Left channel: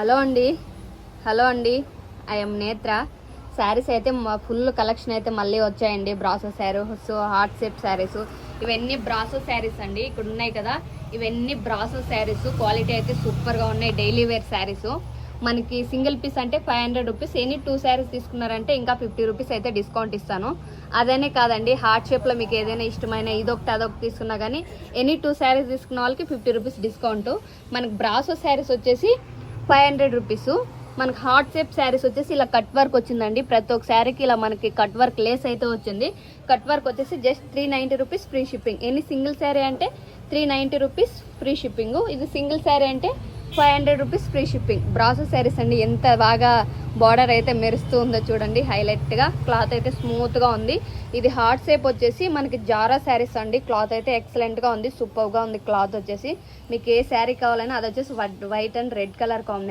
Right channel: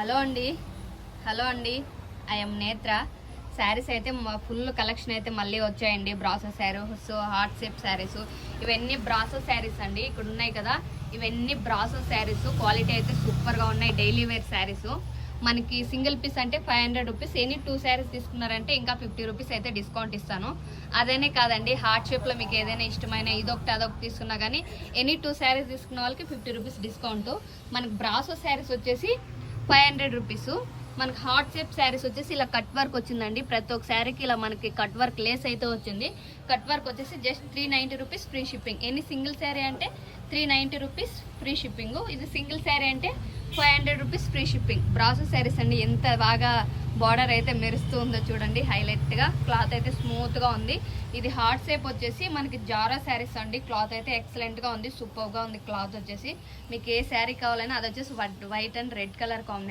Hello అండి hello అండి I'm నేత్ర. శారీస్ అయితే ఫుల్ కలెక్షన్ అయితే మళ్ళీ వచ్చాయండి. Brasso saris, heart shape saris, ఇవన్నీ బ్రాసో శారీస్ అండి. ఇక్కడ ఉన్నాయి కదా, ఇవన్నీ బ్రాసో శారీస్. క్వాలిటీ అయితే సూపర్గా ఉన్నాయి. Daily wear saris. మనకి సింగిల్ పీస్ అంటే 500 రూపీస్. ఎనీ 2 శారీస్ తీసుకున్నారంటే ఇంకా 50 రూపీస్ అయితే డిస్కౌంట్ ఇస్తాను. అదేనే కాదండి, హార్ట్ షేప్లో మీకు ఏదైనా ఇష్టమైన ఇదొకటి అదొకటి తీసుకున్నా కానీ ఎనీ 2 శారీస్ తీసుకున్న వాళ్ళకి 50 రూపీస్ డిస్కౌంట్. మనకి బ్రాసో శారీస్ వచ్చేసి 500 రూపీస్. మనకి హార్ట్ షేప్ శారీస్ వచ్చేసి ఇలా కట్ వర్క్ వచ్చిందండి. ప్రతి ఒక్క శారీకి ఇలా మనకి కట్ వర్క్ లేస్ అయితే వచ్చింది. కట్ వర్క్ వచ్చేసి just 390 rupees free shipping. Any single sari అంటే 390 రూపీస్ ఫ్రీ షిప్పింగ్. ఇది సింగిల్ శారీ అంటే 500 rupees free shipping. Brasso saris అండి, ఎంత బాగా బార్డర్ అయితే మెరుస్తూ ఉందో చూడండి. హైలైట్గా క్లాత్ అయితే స్మూత్గా ఉంది. ఇది హార్ట్ షేప్ వచ్చేసి మనకి జారా శారీస్ అండి. క్లాత్ అయితే ఎక్సలెంట్గా ఉంది, సూపర్గా ఉంది క్లాత్ వచ్చేసి. మీకు ఏ శారీ కావాలన్నా అది వచ్చేసి white and red colour combination.